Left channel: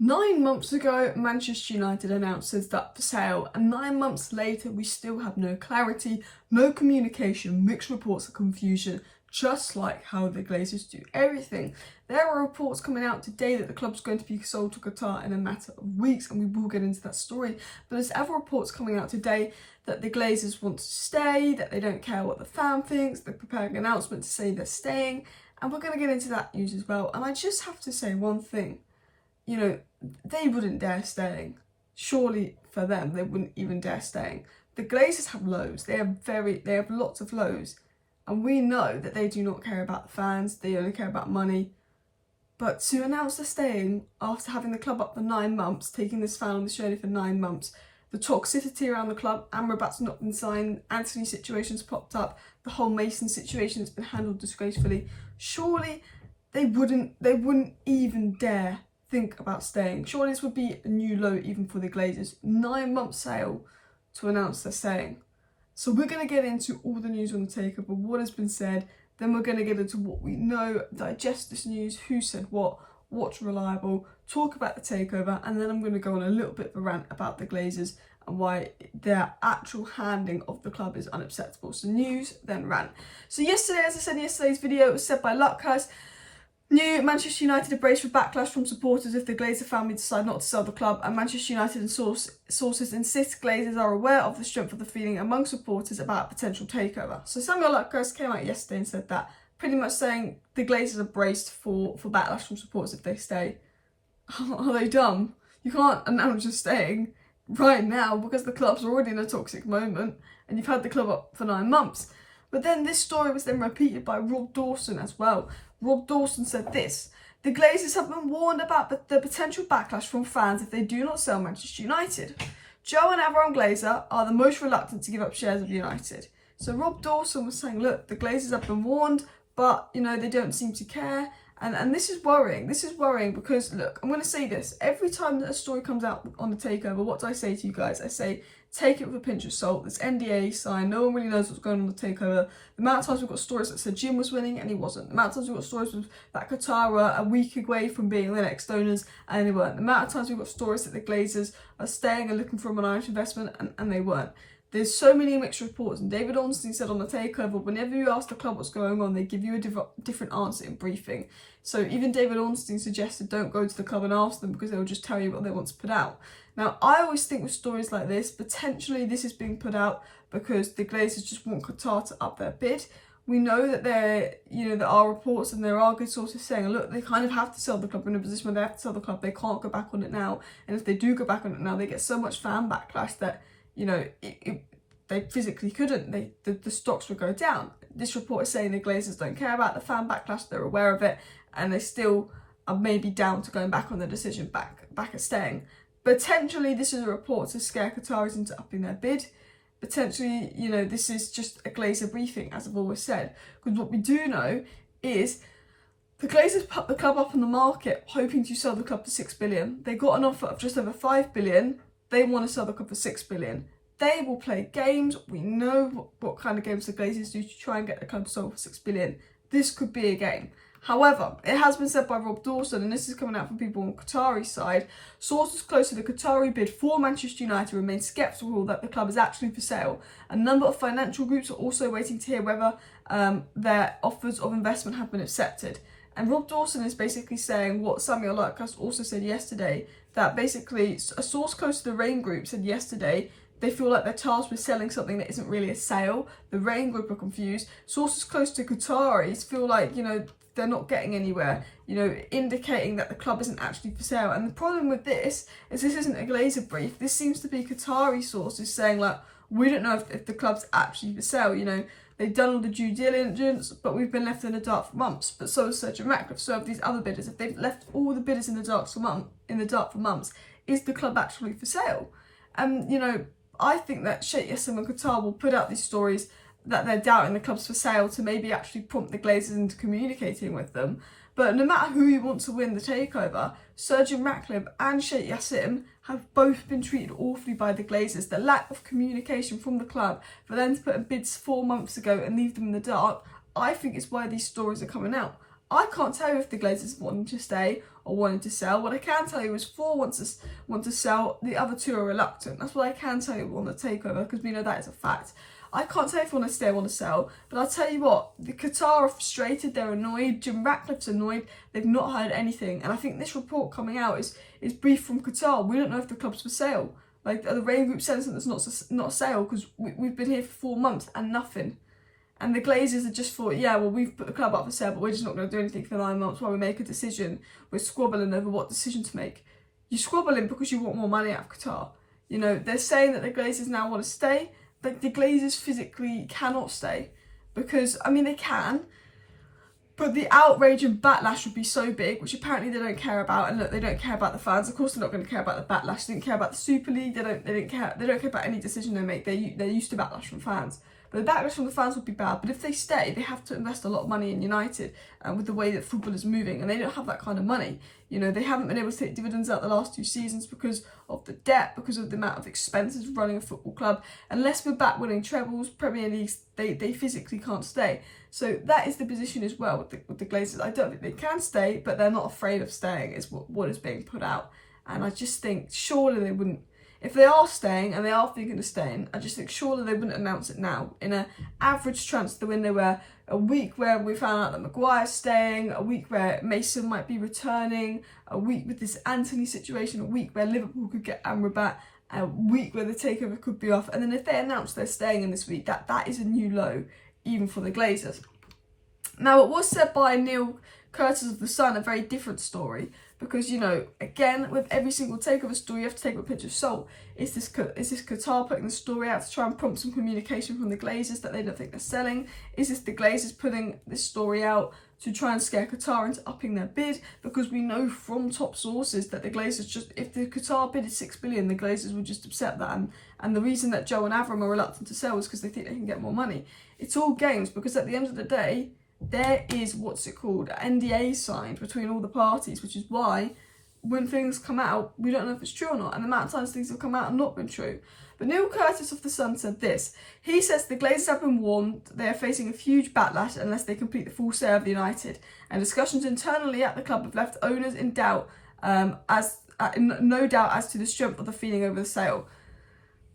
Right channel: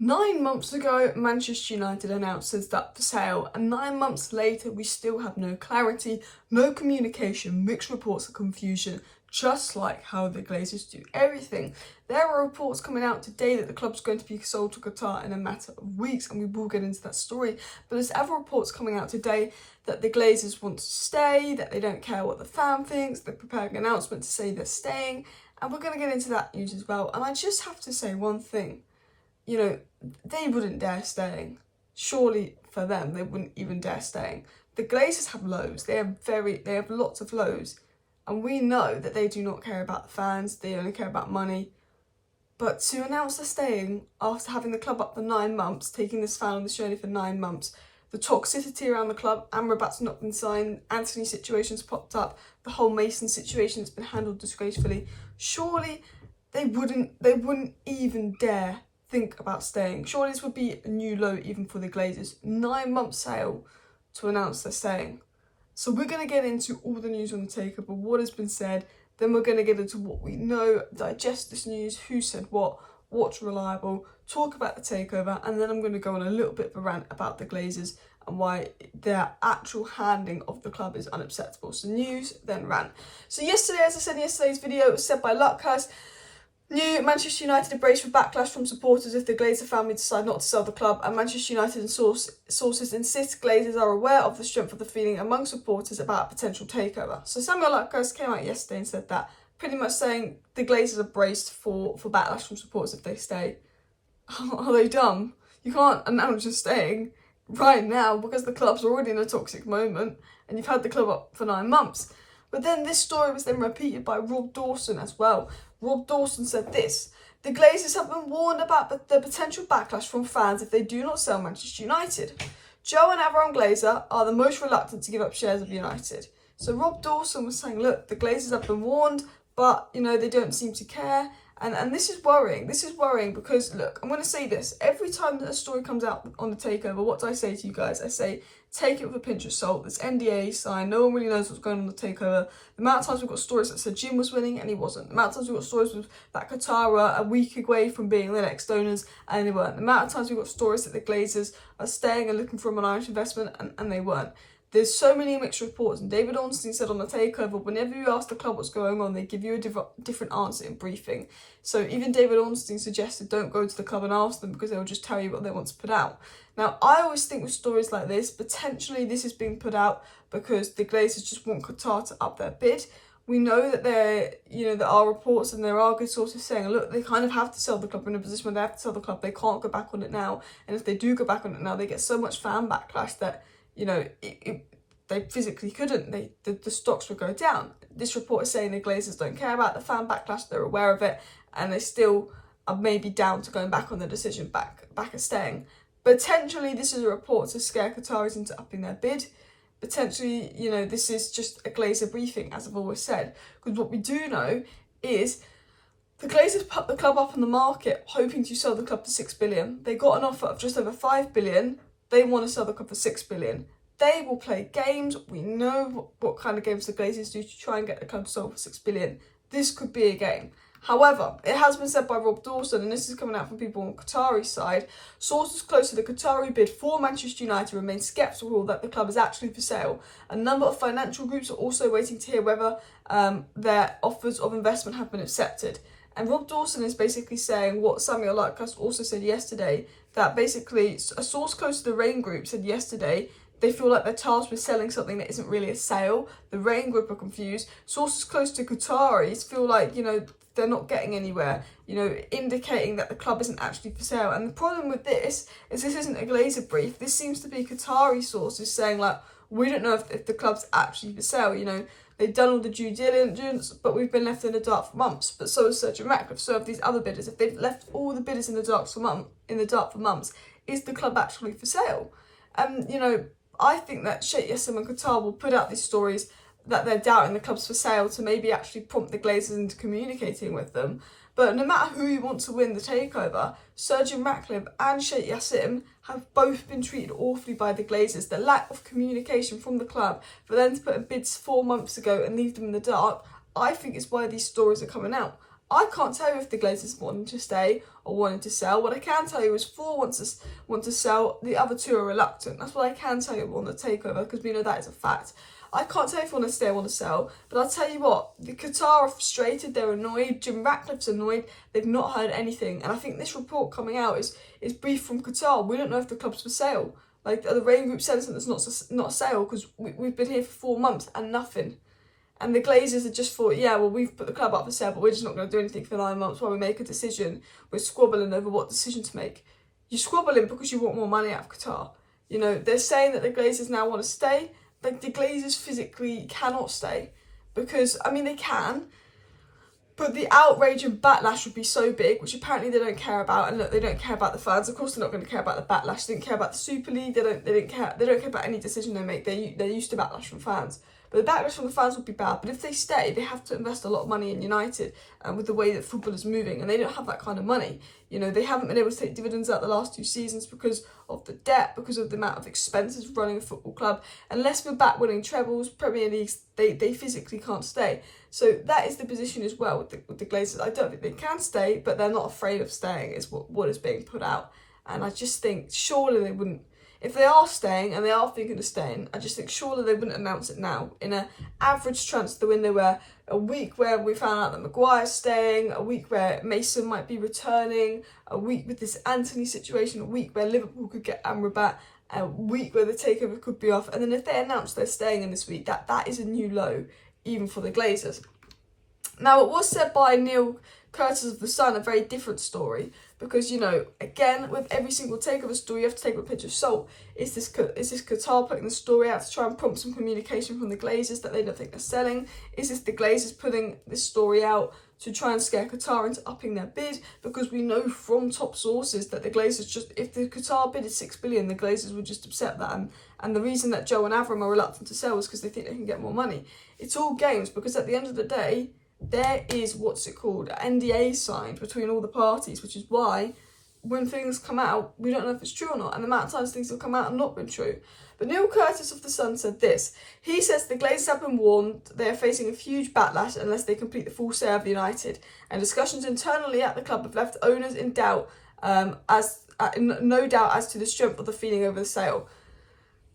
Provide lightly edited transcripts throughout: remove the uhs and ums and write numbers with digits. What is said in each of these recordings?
9 months ago, Manchester United announced it's up for sale, and 9 months later, we still have no clarity, no communication, mixed reports of confusion, just like how the Glazers do everything. There are reports coming out today that the club's going to be sold to Qatar in a matter of weeks, and we will get into that story. But there's other reports coming out today that the Glazers want to stay, that they don't care what the fan thinks, they're preparing an announcement to say they're staying, and we're going to get into that news as well. And I just have to say one thing. You know, they wouldn't dare staying. Surely for them, they wouldn't even dare staying. The Glazers have lows. They have lots of lows. And we know that they do not care about the fans. They only care about money. But to announce they're staying after having the club up for 9 months, taking this fan on this journey for 9 months, the toxicity around the club, Amrabat's not been signed, Anthony situation's popped up, the whole Mason situation has been handled disgracefully. Surely they wouldn't even dare think about staying. Surely this would be a new low even for the Glazers. 9 month sale to announce they're staying. So we're going to get into all the news on the takeover, what has been said, then we're going to get into what we know, digest this news, who said what's reliable, talk about the takeover, and then I'm going to go on a little bit of a rant about the Glazers and why their actual handling of the club is unacceptable. So news, then rant. So yesterday, as I said in yesterday's video, it was said by Luckhurst, New Manchester United are braced for backlash from supporters if the Glazer family decide not to sell the club, and Manchester United and sources insist Glazers are aware of the strength of the feeling among supporters about a potential takeover. So Samuel Luckhurst came out yesterday and said that, pretty much saying the Glazers are braced for backlash from supporters if they stay. Are they dumb? You can't announce you're staying right now because the club's already in a toxic moment and you've had the club up for 9 months. But then this story was then repeated by Rob Dawson as well. Rob Dawson said this: the Glazers have been warned about the potential backlash from fans if they do not sell Manchester United. Joe and Aaron Glazer are the most reluctant to give up shares of United. So Rob Dawson was saying, look, the Glazers have been warned, but, you know, they don't seem to care. And this is worrying. This is worrying because, look, I'm going to say this. Every time that a story comes out on the takeover, what do I say to you guys? I say, take it with a pinch of salt. There's NDA signed. No one really knows what's going on the takeover. The amount of times we've got stories that said Jim was winning and he wasn't. The amount of times we've got stories that Qatari were a week away from being the next owners and they weren't. The amount of times we've got stories that the Glazers are staying and looking for an Irish investment and they weren't. There's so many mixed reports, and David Ornstein said on the takeover, whenever you ask the club what's going on, they give you a different answer in briefing. So even David Ornstein suggested don't go to the club and ask them because they'll just tell you what they want to put out. Now, I always think with stories like this, potentially this is being put out because the Glazers just want Qatar to up their bid. We know that there are reports and there are good sources saying, look, they kind of have to sell the club in a position where they have to sell the club. They can't go back on it now. And if they do go back on it now, they get so much fan backlash that, you know, they physically couldn't. The stocks would go down. This report is saying the Glazers don't care about the fan backlash. They're aware of it. And they still are maybe down to going back on the decision, back at staying. Potentially, this is a report to scare Qataris into upping their bid. Potentially, you know, this is just a Glazer briefing, as I've always said. Because what we do know is the Glazers put the club up on the market, hoping to sell the club for $6 billion. They got an offer of just over $5 billion. They want to sell the club for $6 billion. They will play games. We know what kind of games the Glazers do to try and get the club sold for $6 billion. This could be a game. However, it has been said by Rob Dawson, and this is coming out from people on Qatari's side, sources close to the Qatari bid for Manchester United remain sceptical that the club is actually for sale. A number of financial groups are also waiting to hear whether their offers of investment have been accepted. And Rob Dawson is basically saying what Samuel Luckhurst also said yesterday, that basically a source close to the Rain Group said yesterday they feel like they're tasked with selling something that isn't really a sale. The Rain Group are confused. Sources close to Qataris feel like, you know, they're not getting anywhere, you know, indicating that the club isn't actually for sale. And the problem with this isn't a Glazer brief. This seems to be Qatari sources saying, like, we don't know if the club's actually for sale. You know, they've done all the due diligence, but we've been left in the dark for months. But so has Sergio Ratcliffe. So have these other bidders. If they've left all the bidders in the dark for months, is the club actually for sale? And, you know, I think that Sheikh Yassim and Qatar will put out these stories that they're doubting the club's for sale to maybe actually prompt the Glazers into communicating with them. But no matter who you want to win the takeover, Sergio Ratcliffe and Sheikh Yassim have both been treated awfully by the Glazers. The lack of communication from the club for them to put in bids 4 months ago and leave them in the dark, I think is why these stories are coming out. I can't tell you if the Glazers want them to stay are wanting to sell. What I can tell you is 4 want to sell, the other 2 are reluctant. That's what I can tell you on the takeover, because we know that is a fact. I can't tell you if I want to stay or want to sell, but I'll tell you what, the Qatar are frustrated, they're annoyed, Jim Ratcliffe's annoyed, they've not heard anything. And I think this report coming out is brief from Qatar. We don't know if the club's for sale. Like, the Rain Group said that's not a sale, because we've been here for 4 months and nothing. And the Glazers are just thought, yeah, well, we've put the club up for sale, but we're just not going to do anything for 9 months while we make a decision. We're squabbling over what decision to make. You're squabbling because you want more money out of Qatar. You know, they're saying that the Glazers now want to stay, but the Glazers physically cannot stay. Because, I mean, they can, but the outrage and backlash would be so big, which apparently they don't care about. And look, they don't care about the fans. Of course, they're not going to care about the backlash. They don't care about the Super League. They don't care about any decision they make. They're used to backlash from fans. But the backlash from the fans would be bad. But if they stay, they have to invest a lot of money in United with the way that football is moving. And they don't have that kind of money. You know, they haven't been able to take dividends out the last 2 seasons because of the debt, because of the amount of expenses of running a football club. Unless we're back winning trebles, Premier Leagues, they physically can't stay. So that is the position as well with the Glazers. I don't think they can stay, but they're not afraid of staying, is what is being put out. And I just think surely they wouldn't, if they are staying and they are thinking of staying, I just think surely they wouldn't announce it now. In an average transfer window where a week where we found out that Maguire's staying, a week where Mason might be returning, a week with this Anthony situation, a week where Liverpool could get Amrabat, a week where the takeover could be off. And then if they announce they're staying in this week, that is a new low, even for the Glazers. Now, it was said by Neil Curtis of The Sun, a very different story, because, you know, again, with every single takeover story, you have to take with a pinch of salt. Is this Qatar putting the story out to try and prompt some communication from the Glazers that they don't think they're selling? Is this the Glazers putting this story out to try and scare Qatar into upping their bid? Because we know from top sources that the Glazers just, if the Qatar bid is 6 billion, the Glazers would just accept that. And the reason that Joe and Avram are reluctant to sell is because they think they can get more money. It's all games, because at the end of the day, there is, NDAs signed between all the parties, which is why when things come out, we don't know if it's true or not. And the amount of times things have come out and not been true. But Neil Curtis of The Sun said this. He says the Glazers have been warned they are facing a huge backlash unless they complete the full sale of United. And discussions internally at the club have left owners in doubt, no doubt as to the strength of the feeling over the sale.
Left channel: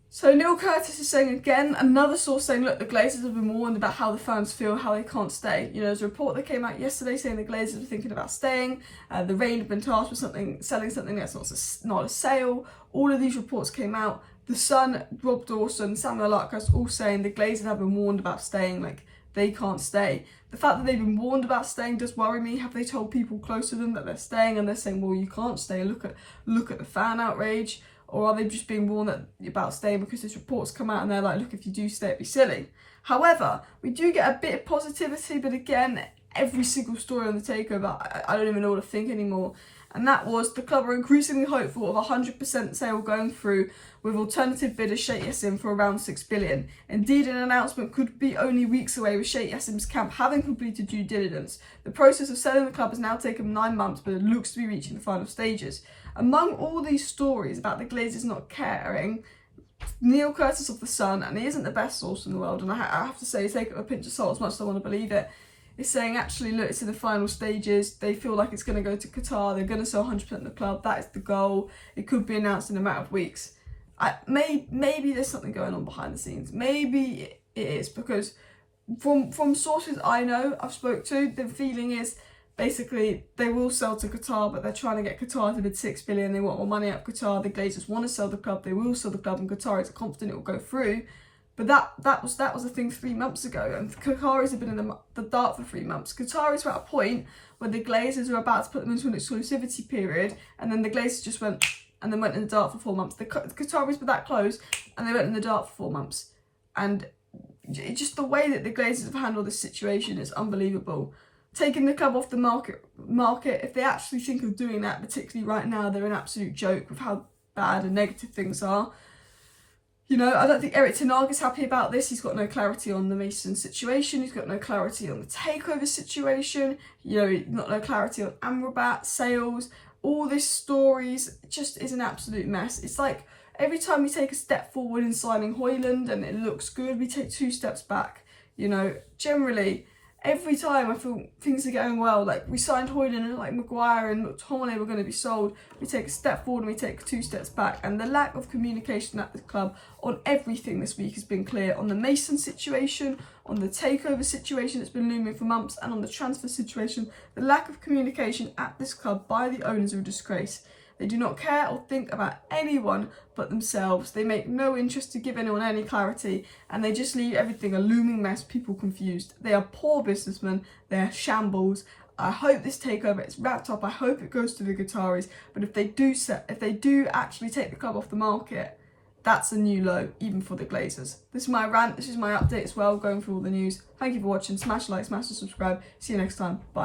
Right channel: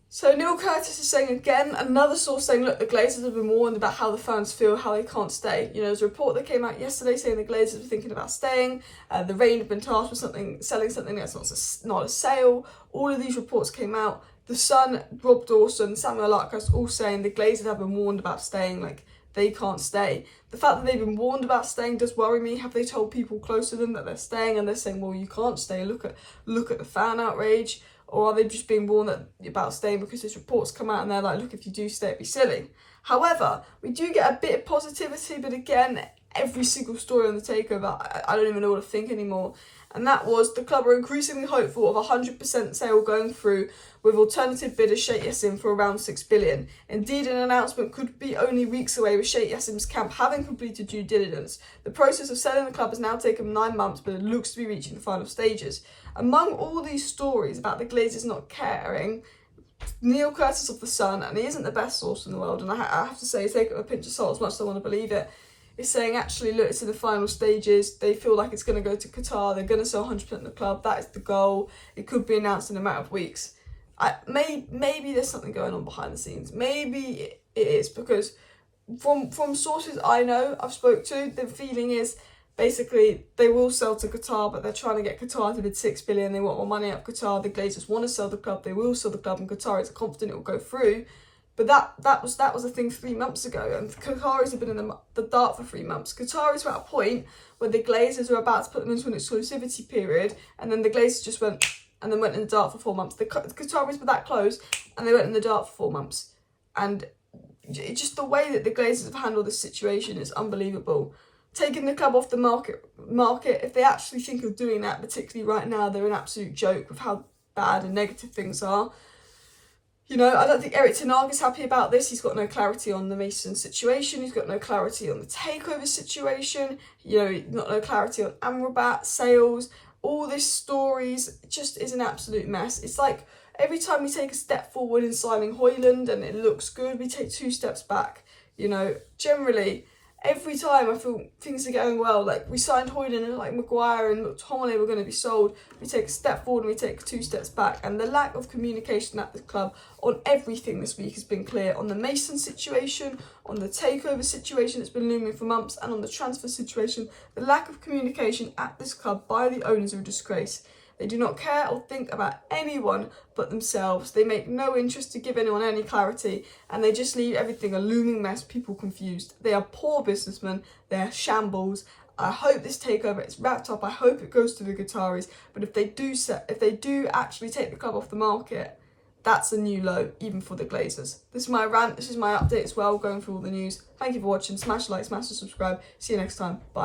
So Neil Curtis is saying again, another source saying, look, the Glazers have been warned about how the fans feel, how they can't stay. You know, there's a report that came out yesterday saying the Glazers were thinking about staying. The Rain have been tasked with selling something that's not a sale. All of these reports came out. The Sun, Rob Dawson, Samuel Larkhurst, all saying the Glazers have been warned about staying, like they can't stay. The fact that they've been warned about staying does worry me. Have they told people close to them that they're staying and they're saying, well, you can't stay, look at the fan outrage? Or are they just being warned about staying because this report's come out and they're like, look, if you do stay, it'd be silly. However, we do get a bit of positivity, but again, every single story on the takeover, I don't even know what to think anymore. And that was the club are increasingly hopeful of 100% sale going through with alternative bidder Sheikh Yassim for around 6 billion. Indeed, an announcement could be only weeks away with Sheikh Yassim's camp having completed due diligence. The process of selling the club has now taken 9 months, but it looks to be reaching the final stages. Among all these stories about the Glazers not caring, Neil Curtis of The Sun, and he isn't the best source in the world, and I have to say, take it with a pinch of salt as much as I want to believe it, is saying actually, look, it's in the final stages, they feel like it's going to go to Qatar, they're going to sell 100% of the club, that is the goal, it could be announced in a matter of weeks. Maybe there's something going on behind the scenes, maybe it is, because from sources I know, I've spoke to, the feeling is, basically, they will sell to Qatar, but they're trying to get Qatar to bid 6 billion. They want more money out of Qatar. The Glazers want to sell the club. They will sell the club, and Qatar is confident it will go through. But that was a thing 3 months ago, and Qataris have been in the dark for 3 months. Qataris were at a point where the Glazers were about to put them into an exclusivity period, and then the Glazers just went in the dark for 4 months. The Qataris were that close, and they went in the dark for 4 months. And just the way that the Glazers have handled this situation is unbelievable. Taking the club off the market, if they actually think of doing that, particularly right now, they're an absolute joke with how bad and negative things are. You know, I don't think Erik ten Hag is happy about this. He's got no clarity on the Mason situation. He's got no clarity on the takeover situation. You know, not no clarity on Amrabat, sales. All these stories just is an absolute mess. It's like every time we take a step forward in signing Højlund and it looks good, we take 2 steps back. You know, generally, every time I feel things are going well, like we signed Hoyland and like Maguire and McTominay were going to be sold, we take a step forward and we take 2 steps back. And the lack of communication at the club on everything this week has been clear. On the Mason situation, on the takeover situation that's been looming for months, and on the transfer situation, the lack of communication at this club by the owners are a disgrace. They do not care or think about anyone but themselves. They make no interest to give anyone any clarity, and they just leave everything a looming mess, people confused. They are poor businessmen, they are shambles. I hope this takeover is wrapped up. I hope it goes to the Qataris, but if they do actually take the club off the market, that's a new low, even for the Glazers. This is my rant, this is my update as well, going through all the news. Thank you for watching. Smash a like, smash the subscribe. See you next time. Bye.